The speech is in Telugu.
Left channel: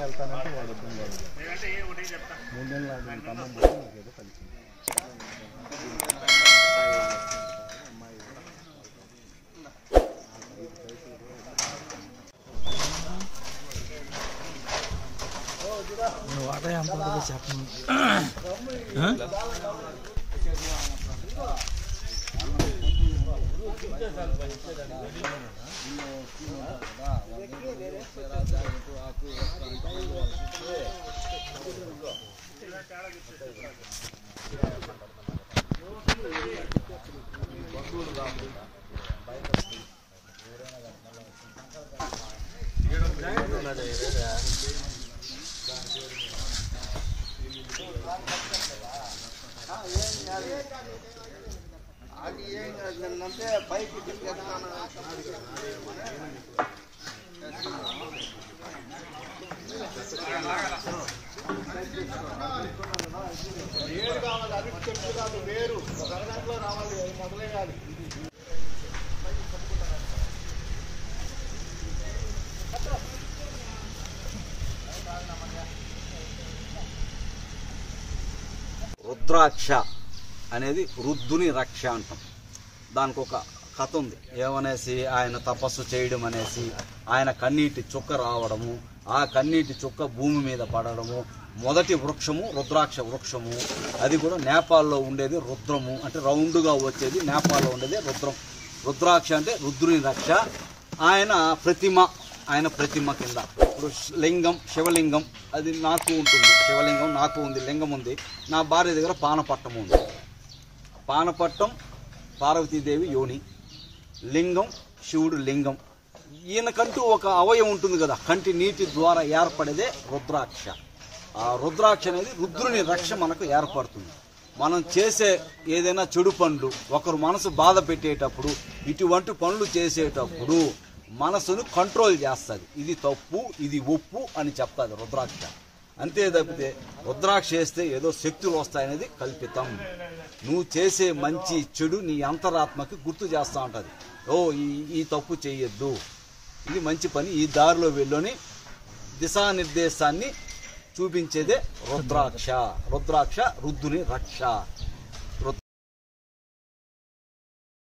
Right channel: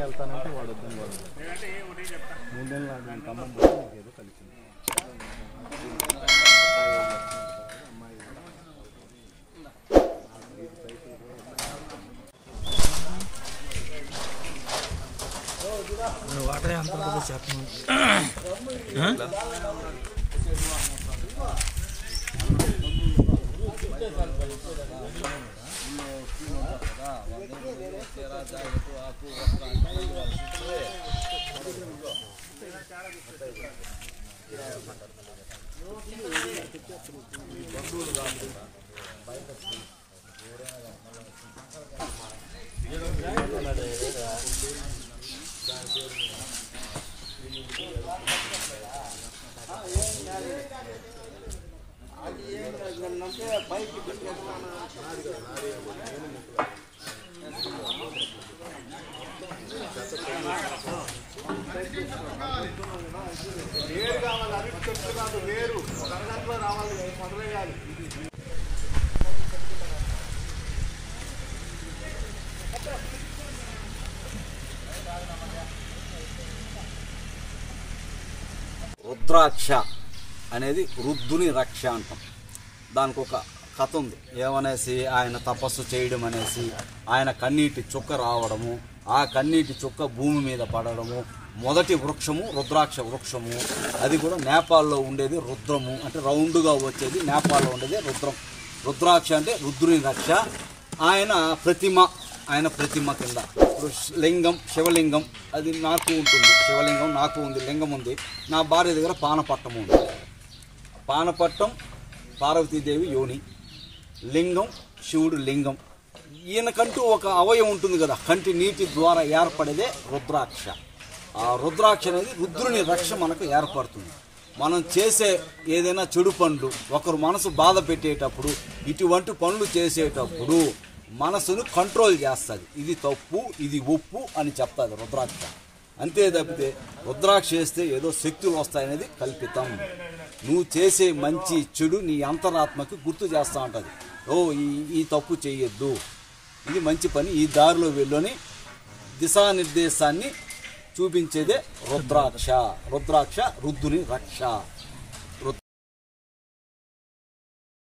వెళ్తానంటే వాడు ఇబ్బంది ఏదో కలిసింది వాటర్ ఎంత ఉంటుందో చెప్పండి. అంటే పైకి తీసుకెళ్తాను రుద్రాక్ష అనేది రుద్దుని రక్ష అంటాం. దానికి ఒక కథ ఉంది. ఏమనేసి ఆయన తపస్సు చేయడం అనేసి ఆయన కన్నీటి చుక్క రావడము, ఆ కన్నీటి చుక్క భూమి మీద పడడము. మొదటి వృక్షము రుద్రాక్ష వృక్షము. అది కూడా నేపాల్లో ఉండేది రుద్రము, అంటే రౌండ్గా వచ్చేది. నేపాల్లో ఉండేది రుద్రం. రుద్రాక్ష అంటే రుద్రుని రక్ష. ఆయన ప్రతిమ కింద ఇప్పుడు లింగం, శివలింగం అది నాకు ఉంటుంది. శివలింగం నాకు ఉంది, లింగం ఉంది. నా భార్య దగ్గర పానపట్టం ఉంది. పానపట్టం పార్వతీదేవి యోని, లింగం శివుడు లింగం. ఈయనకంటూ ఒక అవయవం ఉంటుంది కదా, కంటి నీటి ద్వారా ఏర్పడేదే రుద్రాక్ష. ఆ రుద్రాక్ష అనేది రుద్రుని రక్ష మనకు ఏర్పడుతుంది. మనం చేసే ఏదైనా చెడు పనులు, ఒకరు మనసు బాధ పెట్టేటప్పుడు, ఇటువంటి పనులు చేసేటప్పుడు మనసును కంట్రోల్ చేస్తుంది. ఇది తప్పు, ఇది ఒప్పు అని చెప్తుంది రుద్రాక్ష. అంతే తప్పితే రుద్రాక్ష చేస్తే ఏదో శక్తులు వస్తాయనేది కల్పితం. నువ్వు చేసే మంచి చెడు నీ అంతరాత్మకి గుర్తు చేస్తూ ఉంటుంది. ఈ తప్పు చేయొద్దు, ఇది మంచి పని, ఈ దారిలో వెళ్ళని దిశానిర్దేశాన్ని చూపించేదే రుద్రాక్ష. రుద్రాక్ష రుద్దుని రక్ష.